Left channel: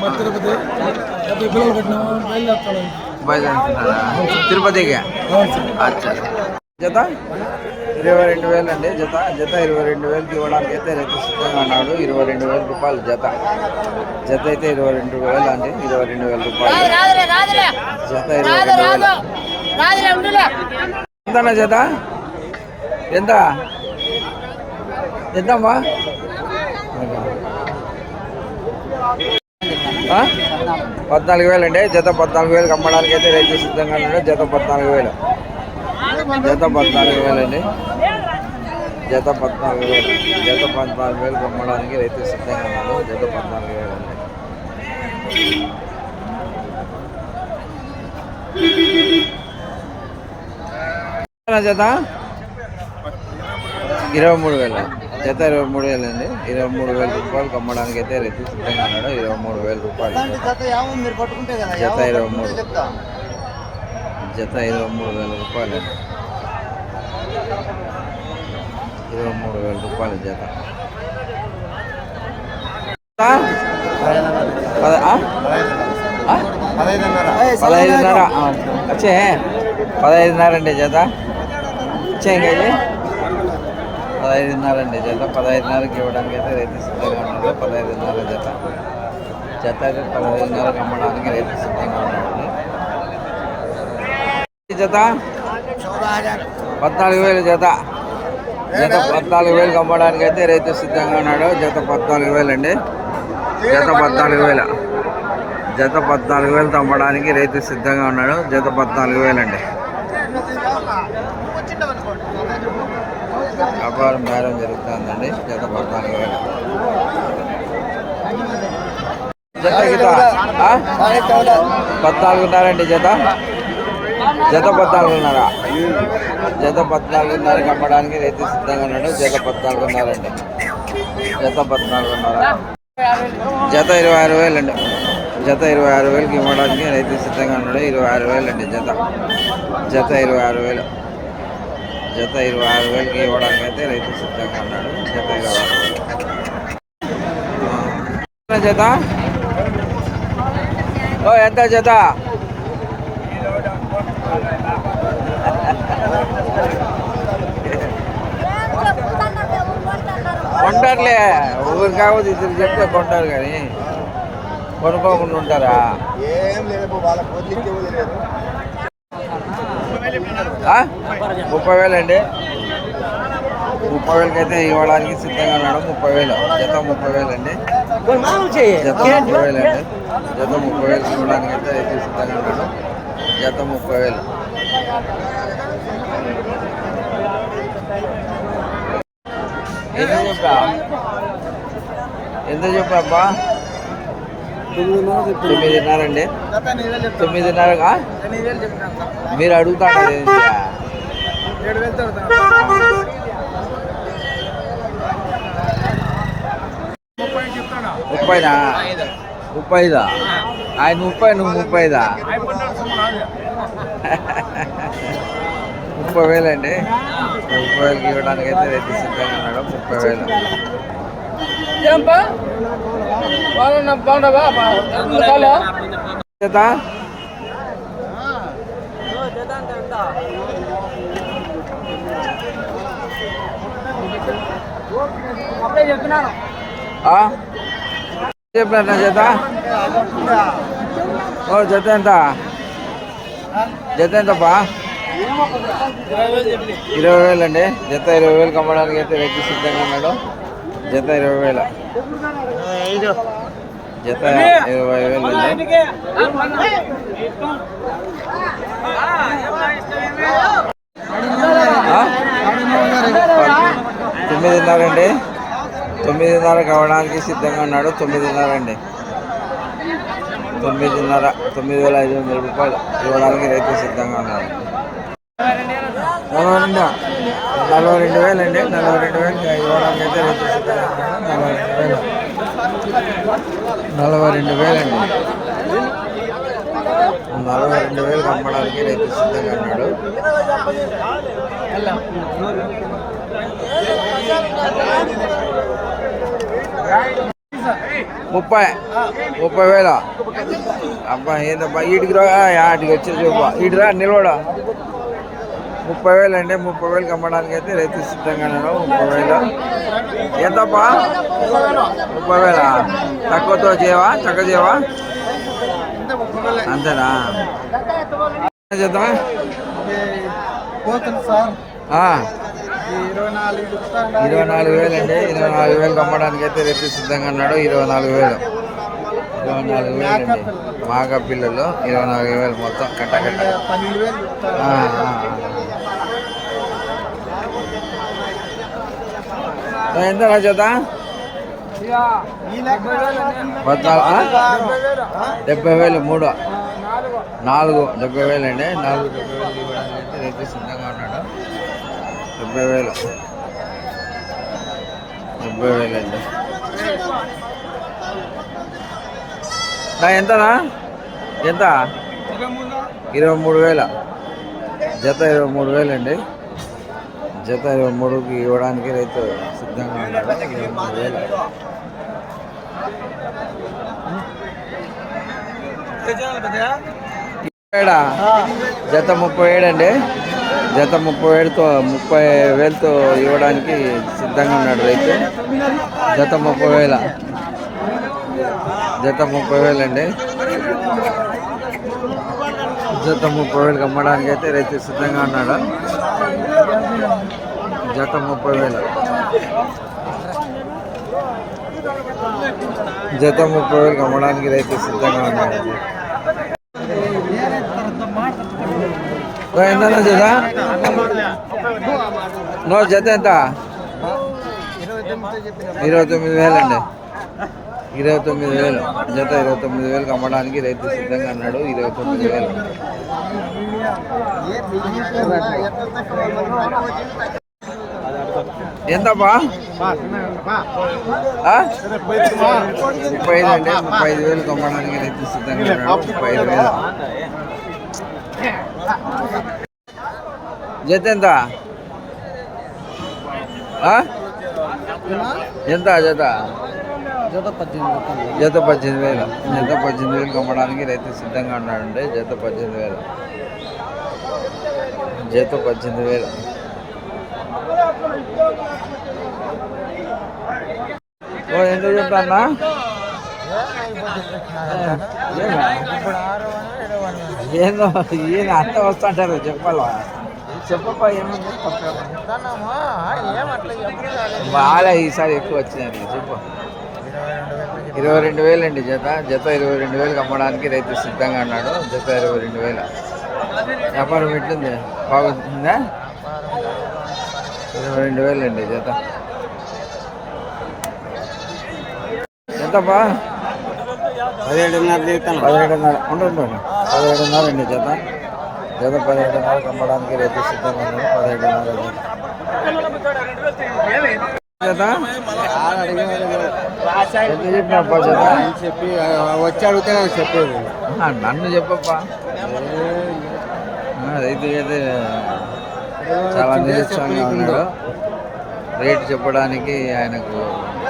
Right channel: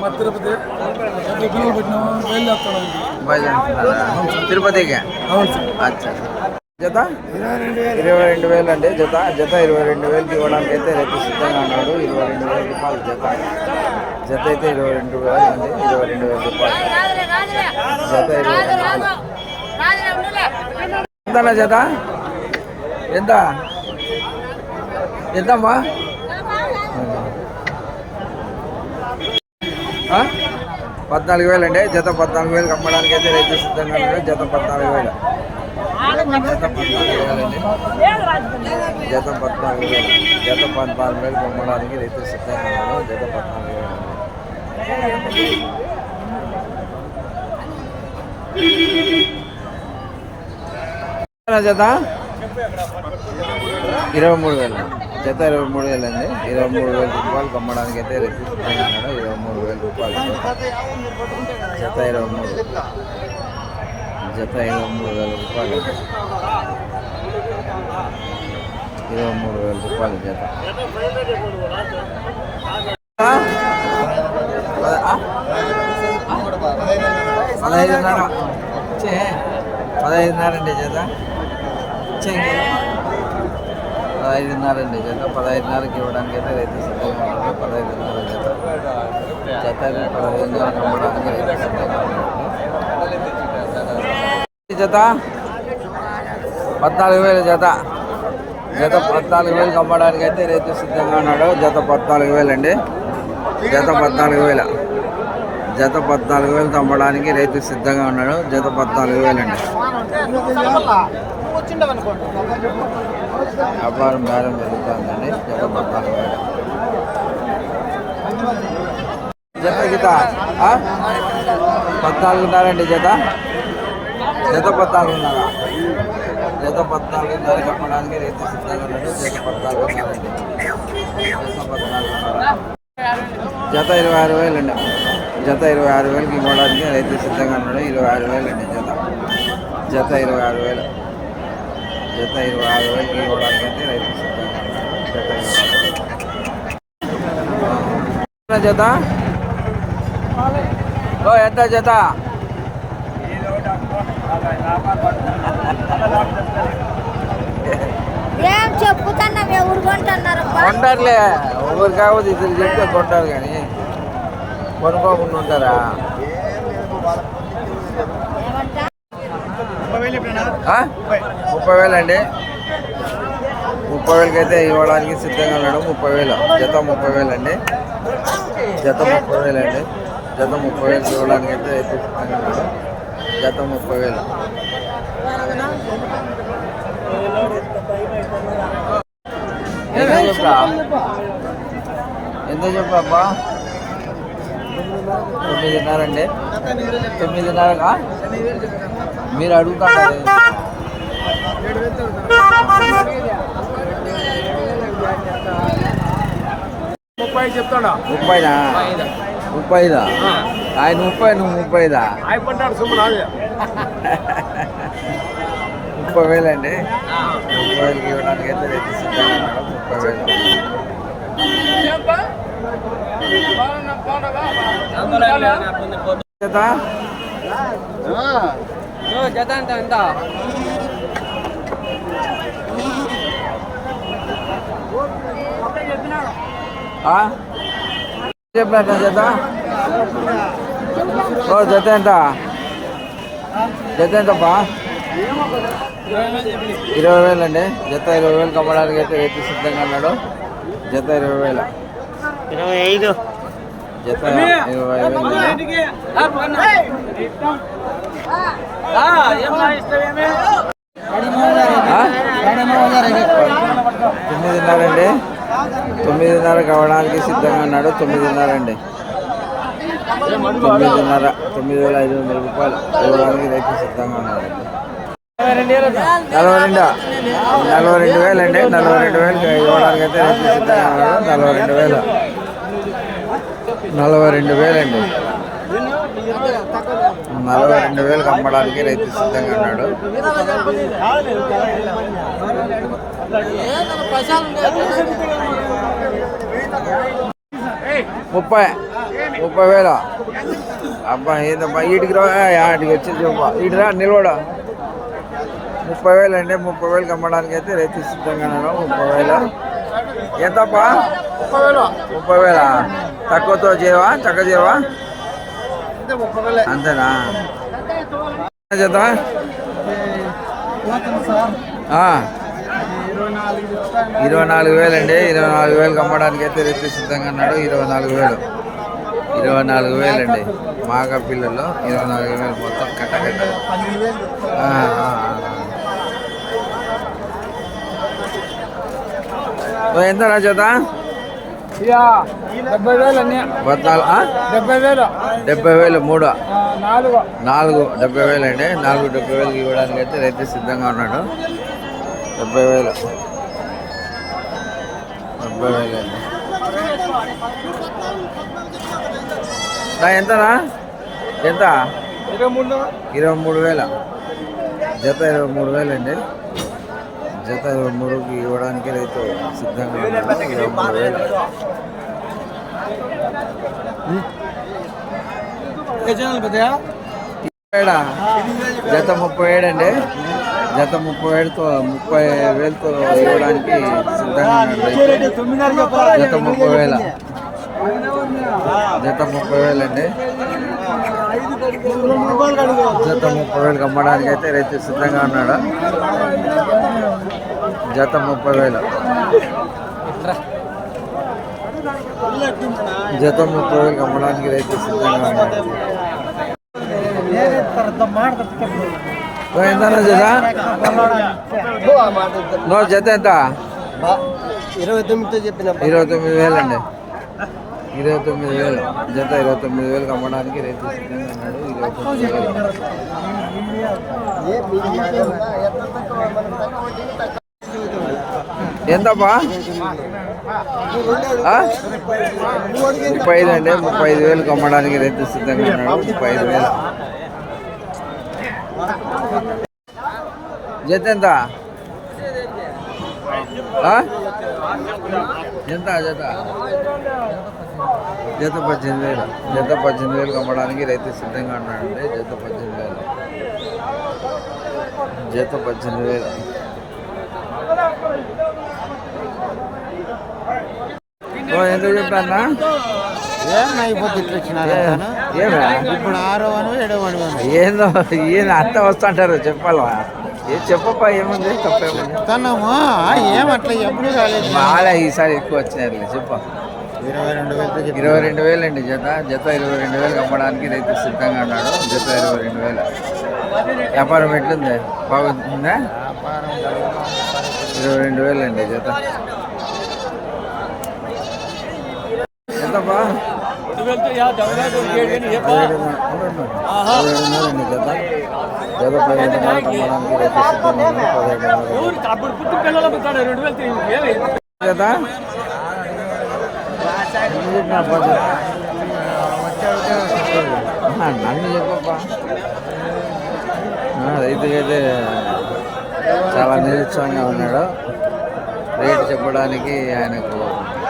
మా తిరుపతి. డెబ్బై పిల్లలు బయలుదేరుతున్నారా తిరుపతికి? అవును సార్. అచ్చా. జత? ఇరవై రెండు వేలు అండి జత. జత ఇరవై రెండు వేలకి ఇవ్వడానికి అయితే రైతు సిద్ధంగా ఉన్నాడు. ఇరవై రెండు వేల రూపాయలు జత. జత అయితే ఇరవై రెండు వేలు అండి ఇరవై రెండు వేల రూపాయలు. జత ఇరవై రెండు వేలు. ఎంతన్నా జత? ఎంత? ఎంతమ్మా? పద్నాలుగు వేలు అండి. జత పద్నాలుగు వేలకు అమ్మడానికి అయితే రేపు సిద్ధంగా ఉన్నాడు జత పద్నాలుగు వేలు. జత పద్నాలుగు వేలు అండి. జత పద్నాలుగు వేలు. జత పద్నాలుగు వేలకు అమ్మడానికి రైతు సిద్ధంగా ఉన్నాడు జత పద్నాలుగు వేలు అండి. జత? ఇరవై మూడు వేలు? జత ఇరవై మూడు వేలు అండి ఇరవై మూడు వేల రూపాయలు అమ్మడానికి అయితే రైతు సిద్ధంగా ఉన్నాడు. ఇరవై మూడు వేల రూపాయలు జత. జత ఇరవై మూడు. జత ఇరవై మూడు వేల రూపాయలు అండి ఇరవై మూడు వేల రూపాయలు జత. పద పదహైదున్నర. వచ్చే. పదహైదున్నర అండి జత. వచ్చే ఇంకా పదహైదున్నర అండి జత. పదహైదున్నరకి ఇవ్వడానికి అయితే రైతు సిద్ధంగా ఉన్నారు. పదహైదున్నర జత. జత అయితే పదహైదున్నరకి అమ్మడానికి రైతు సిద్ధంగా ఉన్నాడు జత? పద్నాలుగు వేలు జత. జత పద్నాలుగు వేలకు అమ్మడానికి అయితే రైతు సిద్ధంగా ఉన్నాడు. జత పద్నాలుగు వేలు అండి. జత పద్నాలుగు వేల. జత పద్నాలుగు వేలు అమ్మడానికి రైతు సిద్ధంగా ఉన్నాడు. జత పద్నాలుగు వేలండి వ్యాపారం బేరం జరుగుతుందండి. జత పద్నాలుగు వేల. జత గీత పద్నాలుగున్నారండి జత? జత పద్నాలుగున్నర. జత పద్నాలుగున్నరకి అమ్మడానికి రైతు సిద్ధంగా ఉన్నాడు. జత పద్నాలుగున్నారండి జత పద్నాలుగున్నర. జత ఇరవై ఆరు వేలు అండి. జత ఇరవై ఆరు వేలకి ఇవ్వడానికి రైతు సిద్ధంగా ఉన్నాడు. ఇరవై ఆరు వేలు అండి జత. జత ఇరవై ఆరు వేలు. జత ఇరవై ఆరు వేలకి ఇవ్వడానికి అయితే రైతు సిద్ధంగా ఉన్నాడు. జత ఇరవై ఆరు వేలు. ఆ. జత? ఓ ఎంత జత? కొంటారులే ఒకరు కాకపోతే ఇద్దరు చెప్తే కొంటారు కానీ కొనుక్కోకుండా ఉంటారా? ముప్పై వేలండి. ముప్పై వేలకి అయితే ఇవ్వడానికి సిద్ధంగా ఉన్నాడు. ముప్పై వేలు. జత ముప్పై వేలండి. జత ముప్పై వేలండి. జత ముప్పై వేలకి ఇవ్వడానికి అయితే రైతు సిద్ధంగా ఉన్నాడు. జత ముప్పై వేలు. ఎంత చెప్పా? ఎంత చెప్పా తొమ్మిదిన్నరండి తొమ్మిదిన్నర అండి. తొమ్మిదిన్నరగా మీరు అడుగుతాడు తగ్గుతాం ముప్పై ముప్పైనా ముప్పై ఆయన ముప్పై నువ్వు ముప్పై ముప్పై వేలు అండి ముప్పై వేలకి ఇవ్వడానికి అయితే రైతు సిద్ధంగా ఉన్నాడు. ముప్పై వేలు. జత ఆ? చెప్పినట్టు జత ఓ జత ఎంత? జత ఎంతప్పా? ఇరవై వేలు అండి. జత ఇరవై వేలు కమ్మడానికి అయితే రైతు సిద్ధంగా ఉన్నాడు. జత ఇరవై వేల. జత ఇరవై వేలు? తొమ్మిదిన్నర అండి. తొమ్మిదిన్నర కావడానికి సిద్ధంగా ఉన్నాడు. తొమ్మిదిన్నర అండి. తొమ్మిదిన్నర తొమ్మిది వేల ఐదు వందల రూపాయలు ఇవ్వడానికి రైతు సిద్ధంగా ఉన్నాడు. నలభై రెండు? నలభై రెండు వేలు అండి. నలభై రెండు వేలు ఇవ్వడానికి అయితే రైతు సిద్ధంగా ఉన్నాడు. నలభై రెండు వేలు. నలభై రెండు వేలండి. నలభై రెండు వేలకు అమ్మడానికి రైతు సిద్ధంగా ఉన్నాడు. ముప్పై ముప్పై వేల. అబ్బా ఏందబ్బా ఈటికి రా ఆటికి వచ్చి చూపా. ఈటిరా నిలవడా ముప్పై వేలు అండి ముప్పై వేలకు అమ్మడానికి అయితే రైతు సిద్ధంగా ఉన్నాడు. ముప్పై వేలు. ఎంతప్పా ముప్పై వేలు. వేల? తక్కువతో చేయవా? తక్కువ చేయవా? వేలే. అంతేనా? చేద్దాం? పోతుంది సార్. ఇరవై నాలుగు చెప్తా ఇరవై నాలుగు వేలు అండి ఇరవై నాలుగు వేలకు అమ్మడానికి అయితే రైతు సిద్ధంగా ఉన్నాడు. ఇరవై నాలుగు వేలు. ఇరవై నాలుగు వేలు అండి మాగా పిల్లలు ఇరవై నాలుగు వేలు మొత్తం కట్ట కట్ట పన్నెండు వేలు చెప్తా ఆ, ఆ, ఆ, ఆ. ఓ, ఎంత చేత డెబ్బై వేలు మూడు. నాలుగు. నాలుగు డెబ్బై వేలు అండి నాలుగు డెబ్బై వేలు ఇవ్వడానికి అయితే రైతు సిద్ధంగా ఉన్నాడు. డెబ్బై వేలు. డెబ్బై వేలు అండి నా ఎంతనా? ఎంత? ఇరవై మూడు ఇరవై మూడు వేల. జత ఇరవై మూడు వేలండి. జత ఇరవై మూడుకి ఇవ్వడానికి రైతు సిద్ధంగా ఉన్నాడు. ఇరవై మూడు వేలు. జత ముప్పై ఏడు అండి జత ముప్పై ఏడుతో ముప్పై వేలతో ఇవ్వడానికి సిద్ధంగా ఉన్నాడు రైతు. జత ముప్పై వేల. జత ముప్పై వేలు అండి. జత ముప్పై వేలకు అమ్మడానికి అయితే రైతు సిద్ధంగా ఉన్నాడు? జత ముప్పై వేలు. జత ముప్పై వేలకు అమ్మడానికి రైతు సిద్ధంగా ఉన్నాడు. ఎంత జత? నో జత ఎంత? ఇరవై తొమ్మిది చెప్పిన ఇరవై తొమ్మిది వేలు. ఇరవై తొమ్మిది వేలు జత ఇరవై తొమ్మిది వేలకు అమ్మడానికి రైతు సిద్ధంగా అన్నాడు ఇరవై తొమ్మిది వేలు. ఎంతప్పా ఆ? ముప్పై ఐదు అండి. ముప్పై ఐదు వేలకు అమ్మడానికి రైతు సిద్ధంగా ఉన్నాడు. ముప్పై ఐదు వేలు. జత ఎంత? ఎంత జత? జత పద్దెనిమిది వేలు. జత పద్దెనిమిది వేలకు అమ్మడానికి రైతు సిద్ధంగా ఉన్నాడండి జత పద్దెనిమిది వేలు. జత పద్దెనిమిది వేలు. ఓ ఎంత చెప్తానా ఏమా? ఏందో ఈయన అంత వస్తుంటారు చెప్పాలా? ఏ చెప్పప్పా ఏముంది? తప్పేముంది? బాగా ఈసారి ఎక్కువ వచ్చినారులే చెప్పు. ఇరవై రెండు వేలు అండి జత. జత ఇరవై రెండు వేలకు అమ్మడానికి రైతు సిద్ధంగా ఉన్నాడు. జత ఇరవై రెండు వేల. వ్యాపారం ఎట్లుంది? బాగుంటుందా ఇరవై రెండు వేలు అండి జత. ఎంతప్పా పదిహేడున్నర. ఉండండి పదిహేడున్నర అండి జత. జత పదిహేడున్నరకు అమ్మడానికి రైతు సిద్ధంగా ఉన్నాడు. పదిహేడున్నర జత. జత ఎంత చెప్పిన అబ్బా జత వచ్చి అడిగితే చెప్పేది ఆ, నన్ను చెప్పప్పా. ఆ, రైతుకైతే చాలా నిరుత్సాహంగా ఉన్నాడు. రేటు చెప్పడానికి ఆయనకు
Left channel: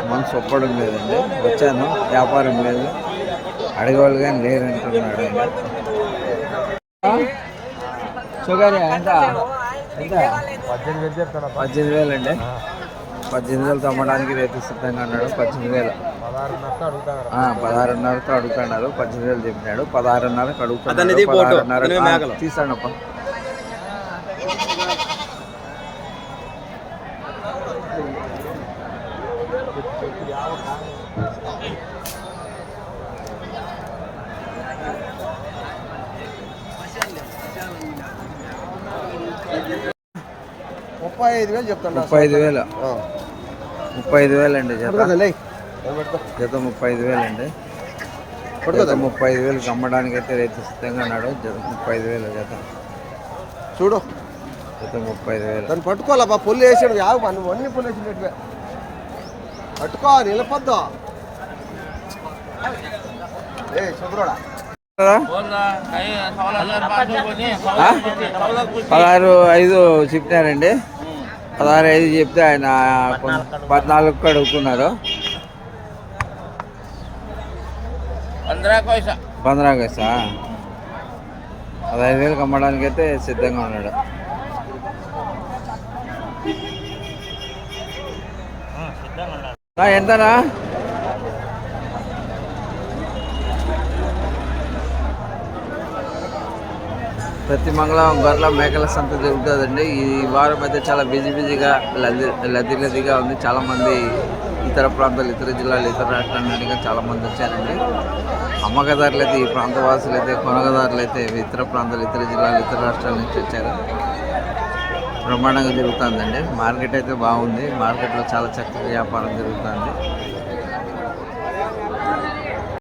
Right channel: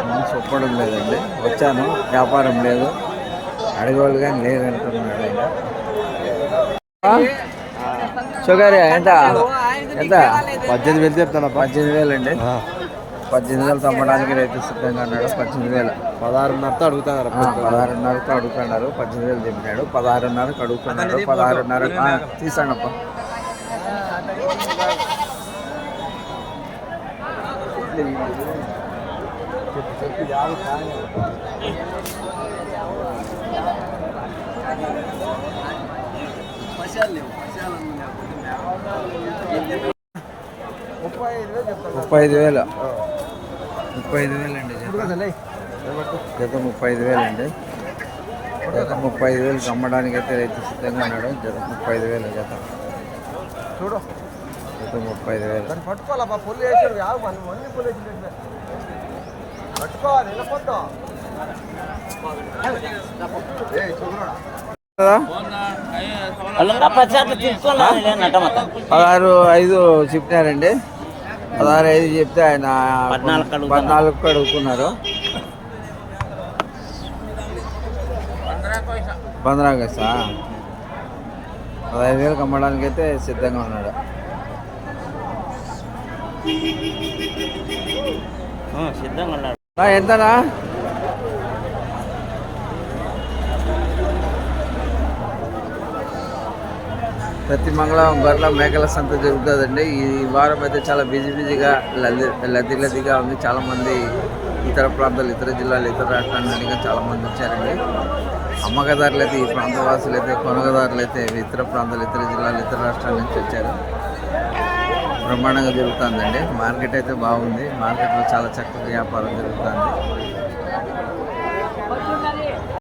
మనసు ఒప్పడం లేదండి. వచ్చాను వ్యాపారం లేదు. అడగవాళ్ళు కానీ లేరంటున్నాడు ఆయన? షుగర్ ఎంత? ఎంత? పద్దెనిమిది వేలు చెప్తాను పద్దెనిమిది వేలు అండి పద్దెనిమిది వేలు తమ్మడానికి రైతు సిద్ధంగా అన్నాడు పద్దెనిమిది వేల. పదహారున్నరతో అడుగుతున్నారు. పదహారున్నరతో అడుగుతున్నాడు పద్దెనిమిది వేలు చెప్పినాడు పదహారున్నరకు అడుగుతున్నాడు పదహారున్నర తీసాను ముప్పై ఐదు వేలు ముప్పై ఐదు వేలు అండి జత జత ముప్పై ఐదు వేలు అండి జత ముప్పై ఐదు వేలకు అమ్మడానికి అయితే రైతు సిద్ధంగా ఉన్నాడు. జత ముప్పై ఐదు వేలు జత. చూడు. జత ముప్పై ఐదు వేలు పట్టుకోవాలబ్బా పుల్లు వేసాడు. అన్ని పుల్లు వేసినట్టు పట్టుకో నిలపద్దు? పదహారు ఐదు చెప్పినారండి. పదహారు ఐదు చెప్తే ఆయన పద్నాలుగు అడుగుతున్నారు. పంద్రా పదహైదు వేలకు అమ్మడానికి అయితే సిద్ధంగా ఉన్నాడు. నా ఎంతనా ప్రతి మంగళవారం గొర్రెల మేకల సంత జరుగుతుందండి. ఈ వారం అయితే చాలా బిజీ బిజీగా లది లది లదిగా ఉంది. చాలామంది ఇతర ప్రాంతాలు ఇతర జిల్లాలు ఇతర రాష్ట్రాల నుండి చాలామంది చాలా మంది వచ్చారండి. అమ్మకదారులు అయితే ఈ ప్రాంత వాసులు అయితే కొనగదారులు అయితే ఇతర ప్రాంతాలు ఇతర జిల్లాలు ఇతర రాష్ట్రాల నుంచి వచ్చారు. బ్రహ్మాండంగా జరుగుతుందండి. మార్కెట్ అయితే బాగుంది. మార్కెట్లో చాలా చక్కగా వ్యాపారం జరుగుతుంది.